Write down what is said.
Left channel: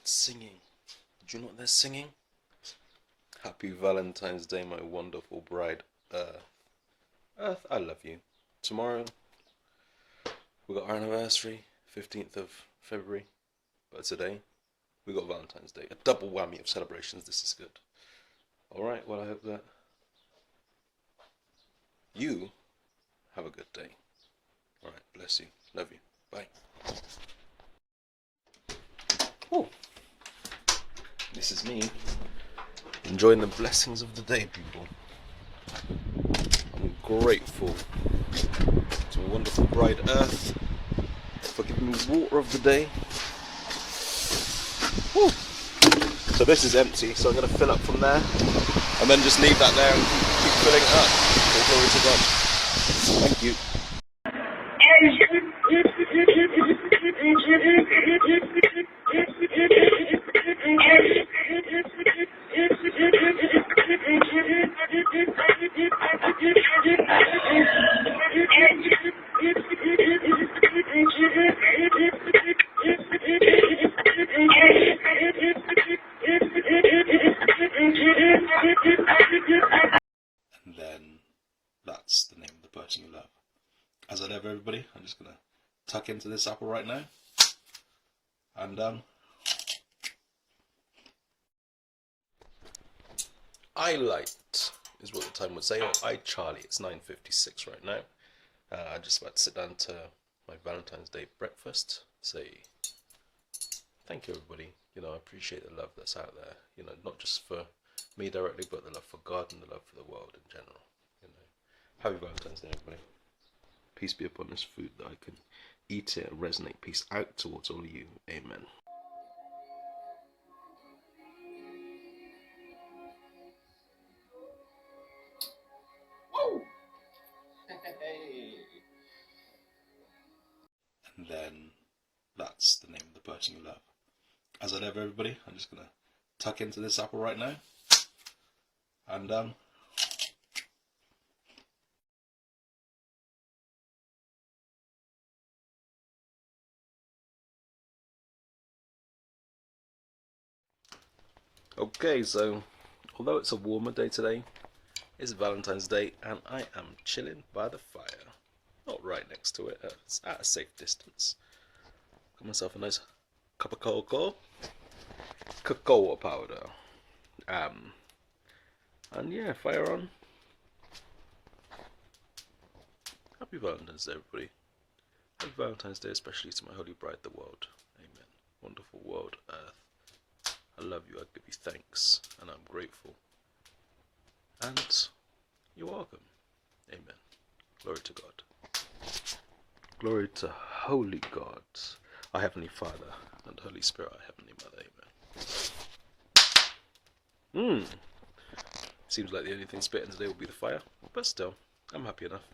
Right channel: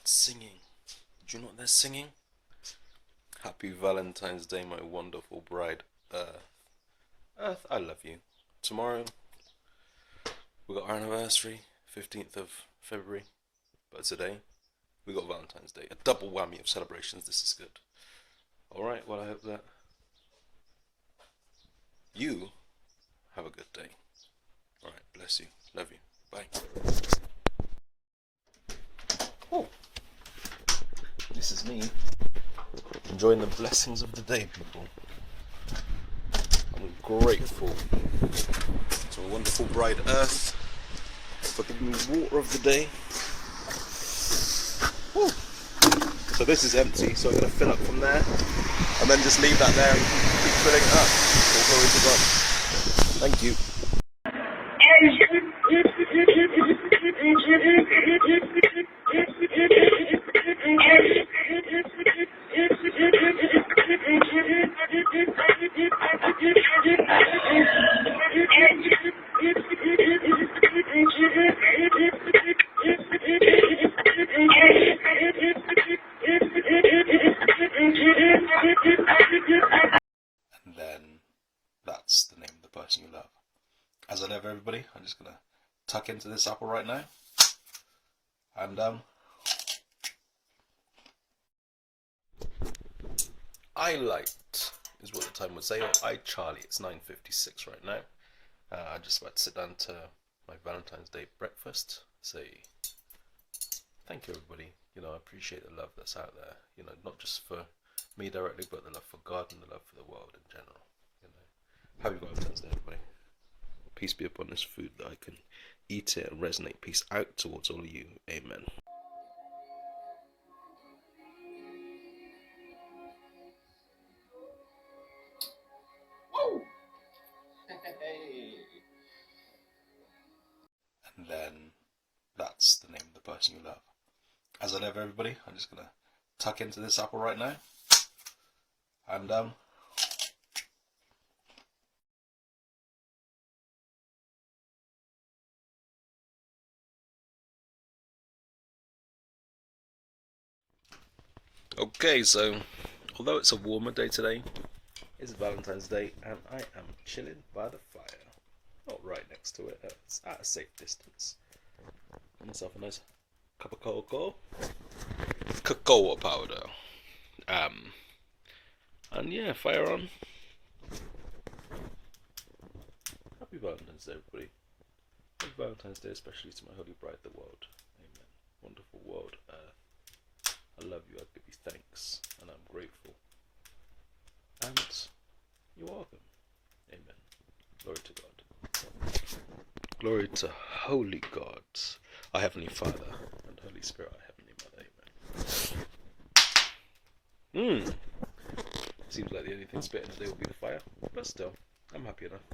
heard singing. Did you know they're singing? Happy Valentine's Day, my wonderful bride, Earth. Earth, I love you. Tomorrow, we got our anniversary, 15th of February. But today, we got Valentine's Day. A double whammy of celebrations. This is good. Alright, well, I hope that you have a good day. Alright, bless you. Love you. Bye. Oh, this is me enjoying the blessings of the day, people. I'm grateful to a wonderful bride Earth for giving me water of the day. Woo. So this is empty, so I'm going to fill up from there and then just leave that there and keep filling it up. All glory to God. Thank you. And then that's the name of the person you love. As I love everybody, I'm just going to tuck into this apple right now. And I light is what the time would say, or I Charlie. It's 9:56 right now. I'm just about to sit down to my Valentine's Day breakfast. Say thank you, everybody. You know, I appreciate the love that's out there. You know, not just for me directly, but the love for God and the love for the world in general. You know, happy Valentine's Day, everybody. Peace be upon this food that I can eat it and resonate peace out towards all of you. Amen. Whoa! Hey. And then that's the name of the person you love. As I love everybody, I'm just going to tuck into this apple right now. And okay, so although it's a warmer day today, it's Valentine's Day and I am chilling by the fire. Not right next to it, it's at a safe distance. Got myself a nice cup of cocoa powder. And yeah, fire on. Happy Valentine's Day, everybody. Happy Valentine's Day, especially to my holy bride, the world. Amen. Wonderful world, Earth. I love you, I give you thanks, and I'm grateful. And you're welcome. Amen. Glory to God. Glory to Holy God, our Heavenly Father, and Holy Spirit, our Heavenly Mother. Amen. Seems like the only thing spitting today will be the fire, but still, I'm happy enough.